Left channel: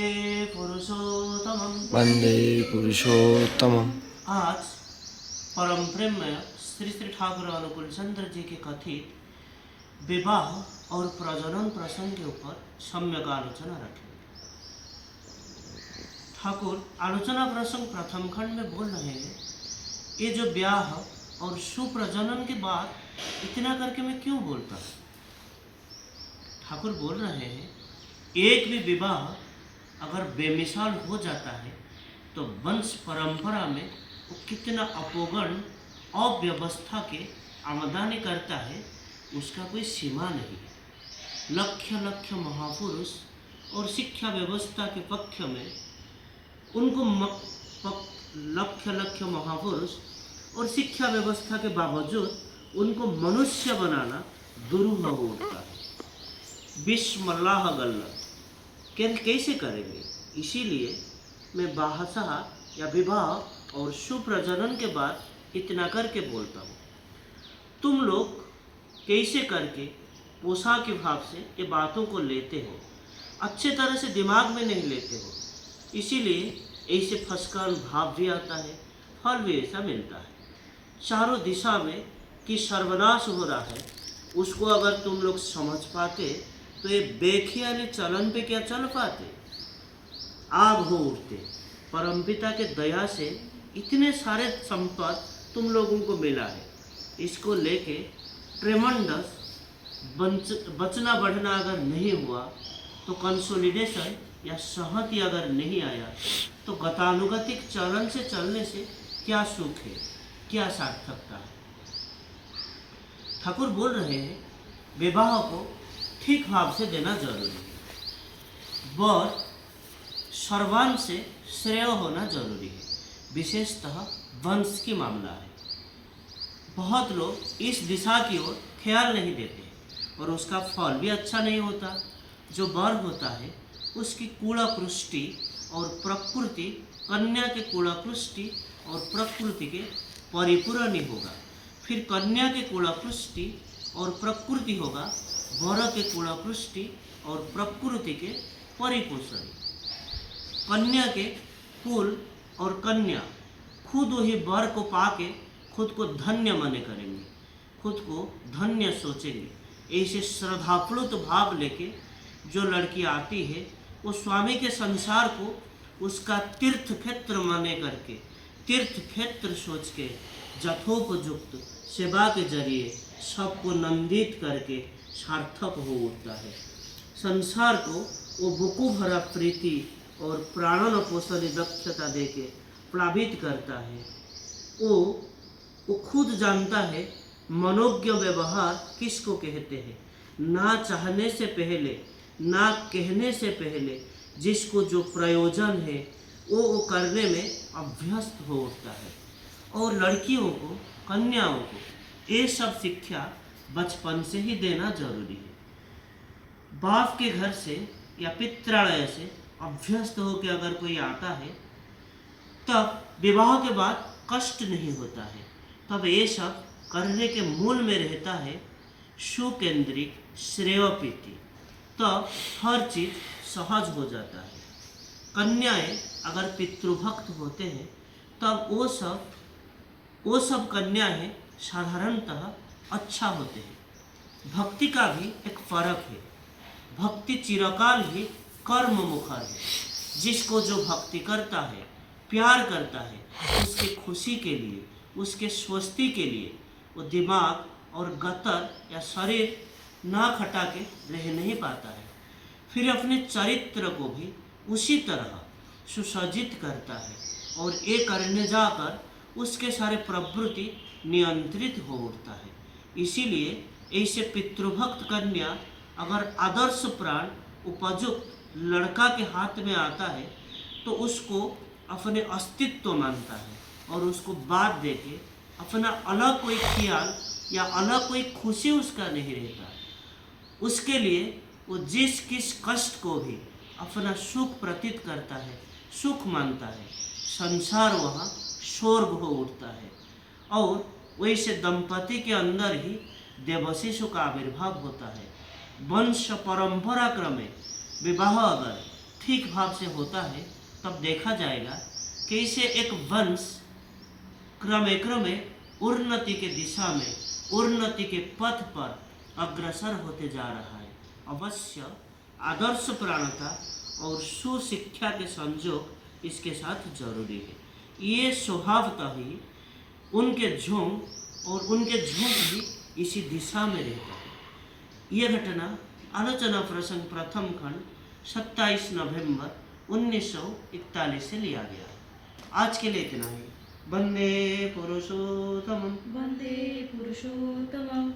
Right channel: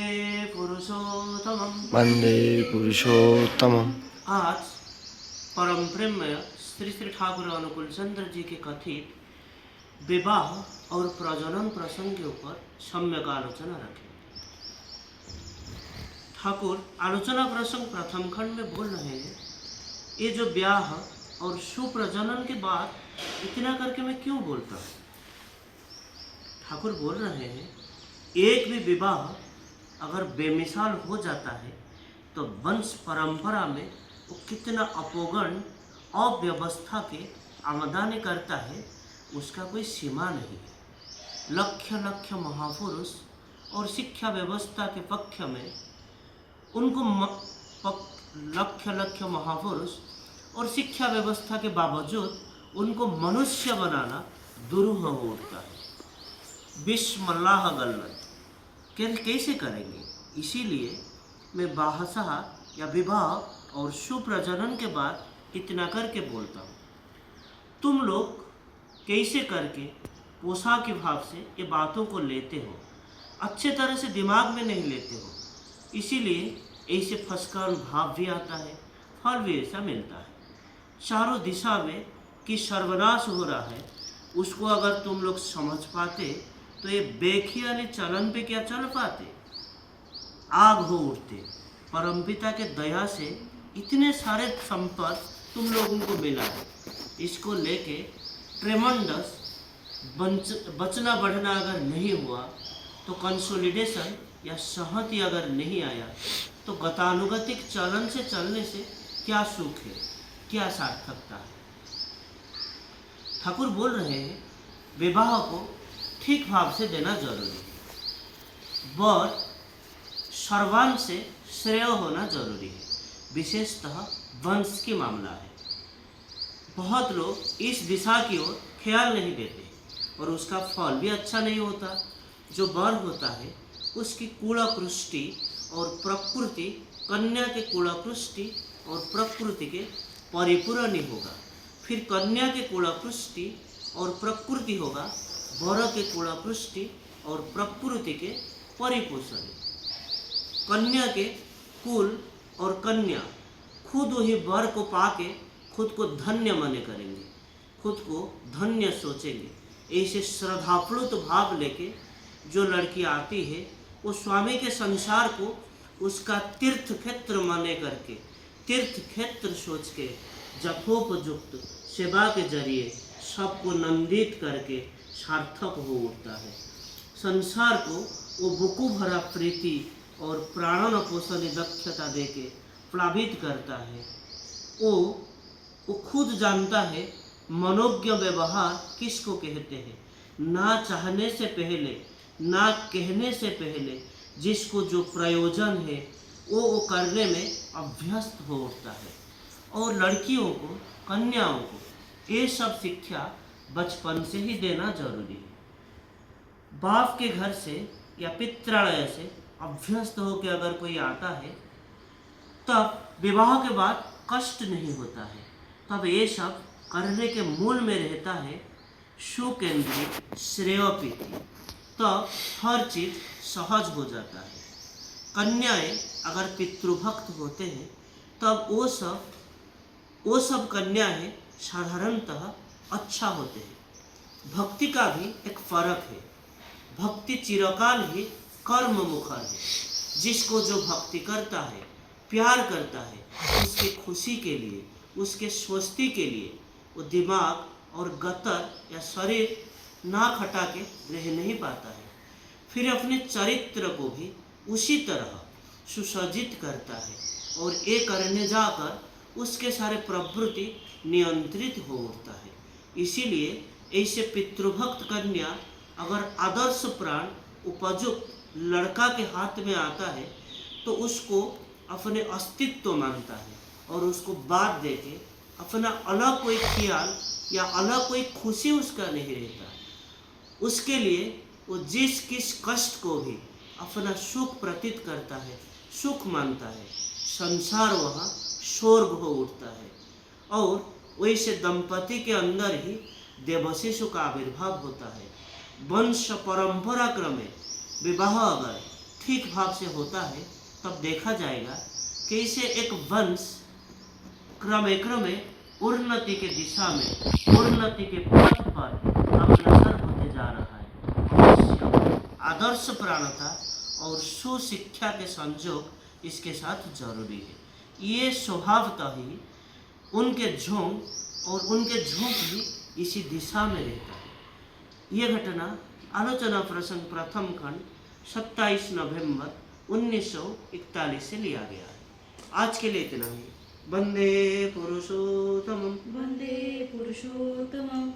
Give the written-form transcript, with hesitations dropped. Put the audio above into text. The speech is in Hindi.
वंदे पुरुषोत्तमम्। आज परम प्रेममय श्री श्री ठाकुर अनुकूल चंद्र जी के कथित विवाह और प्रजनन प्रसंग के ऊपर सम्यक आलोचना रखेंगे। ठाकुर आलोचना प्रसंग प्रथम खंड में बोल रहे हैं, ये जो ब्याह और सुप्रजनन के बाद इतना करके मैं क्यों बोलता हूँ। ठाकुर बोल रहे हैं, एक भी विवाह अगर बेमिसाल हो जाता है तो वंश परंपरा में वो कितना अपोगण अव्यवस्था के आमदानी करता है, उसका कोई सीमा नहीं है। लक्ष्य लक्ष्य महापुरुष और शिक्षा व्यवस्था के पक्ष में उनको लक्ष्य लक्ष्य महापुरुष और शिक्षा व्यवस्था के बावजूद उनको मनुष्य बनाना दुरूह हो उठता है। बिस्मिल्लाह गल्ला कैसे करेंगे। इसीलिए मैं बाहसा या विवाह और सुप्रजनन के बाद इतना करके बोलता हूँ। तुम लोग कैसे करके पोषा के भाव से ये बातों को लेते हो, अच्छे तरह से दिमाग में नहीं लेते हो, इसीलिए ऐसे फंसकर भाव भी आता है, फल भी ऐसा मिलता है। चारों दिशा में कि सर्वनाश हो रहा है, उसको अगर तुम लोग समझ पाते तो ये बेखियाली चलन पे क्या चल पाते, आग हो उठते। परमपिता के दया से इतने सारे संपद तुम लोगों को मिला है, इसको लेके ट्रेमेंडस बचना बढ़ना अगर नहीं हुआ तो कंसोलिडेशन या सहमति अगर नहीं आया तो गतानुगतिक चलन से चलने से क्या सुख है, क्या सार्थकता है। ठाकुर बोल रहे हैं, विवाह को ठीक भाव से देना जरूरी है। वर सर्वांश से श्रेय होना जरूरी है, विशेषतः वंश की मामला है। बहुत लोग इस दिशा की ओर ख्याल नहीं देते और उसका फल भी अच्छा नहीं होता। जो वर होता है उसकी कुलाकृष्टि और प्रकृति कन्या के कुलाकृष्टि और प्रकृति के परिपूर्ण ही होगा, फिर कन्या के कुलाकृष्टि और प्रकृति होगा वर के कुलाकृष्टि और प्रकृति के परिपोषण। कन्या के कुल और कन्या खुद वही वर को पाके खुद को धन्य माने करेंगे, खुद को धन्य सोचेंगे। ऐसे श्रद्धाप्लुत भाव लेके जो लड़की आती है वो स्वामी के संसार को उसका तीर्थ क्षेत्र माने करके, तीर्थ क्षेत्र सोच के यथोपयुक्त सेवा के जरिए सबको नंदित करके सार्थक हो उठता है। संसार को वो बुकु भरा प्रीति और प्राणन पोषण दक्षता देके प्लावित करता है। वो खुद जानता है मनोज्ञ व्यवहार किसको कहते हैं। ना चाहने से पहले, ना कहने से पहले जिसको जो प्रयोजन है वो करने में अभ्यस्त हो उठता है। और लड़कियों को, कन्याओं को ये सब शिक्षा बचपन से ही देना जरूरी है। बाप के घर से या पित्रालय से अभ्यस्त होकर अगर कोई आता है तब विवाह के बाद कष्ट नहीं होता है। तब ये सब करने के मूल में रहता है सुकेंद्रित श्रेयोपीति। तब हर चीज सहज हो जाता है। कन्याएं अगर पितृभक्त होते हैं तब वो सब कन्याएं साधारणतः अच्छा होते हैं। भक्ति का भी एक फर्क है। भक्ति चिरकाल ही कर्म मुखर है। जिसको जो भक्ति करता है, प्यार करता है, उसके खुशी के लिए, उसके स्वस्ति के लिए वो दिमाग और गतर या शरीर ना खटा के रह नहीं पाता है। फिर अपने चरित्र को भी उसी तरह सुसज्जित करता है और ये करने जाकर उसके सारे प्रवृत्ति नियंत्रित हो उठता है। इसीलिए ऐसे पितृभक्त कन्या अगर आदर्श प्राण उपयुक्त लड़का के हाथ में आता है तो उसको अपने अस्तित्व मानता है और उसको बात देके अपना अलग कोई ख्याल या अलग कोई खुशी उसका नहीं रहता। उसके लिए वो जिस किस कष्ट को भी अपना सुख प्रतीत करता है, सुख मानता है। संसार वहाँ स्वर्ग हो उठता है। और वैसे दंपति के अंदर ही देवशिशु का आविर्भाव होता है। वंश परंपरा क्रमे विवाह अगर ठीक भाव से होता है तब देखा जाएगा कि इसे एक वंश क्रमे क्रमे उन्नति के दिशा में, उन्नति के पथ पर अग्रसर होते जा रहा है। अवश्य आदर्श प्राणता और सुशिक्षा के संयोग इसके साथ जरूरी है। ये स्वभावतः ही उनके झोंक और उनके झोंक भी इसी दिशा में रहता है। ये घटना आलोचना प्रसंग प्रथम खंड 27 नवंबर 1941 से लिया गया है। आज के लिए इतना ही। वंदे पुरुषोत्तमम्। वन्दे पुरुषोत्तमम्।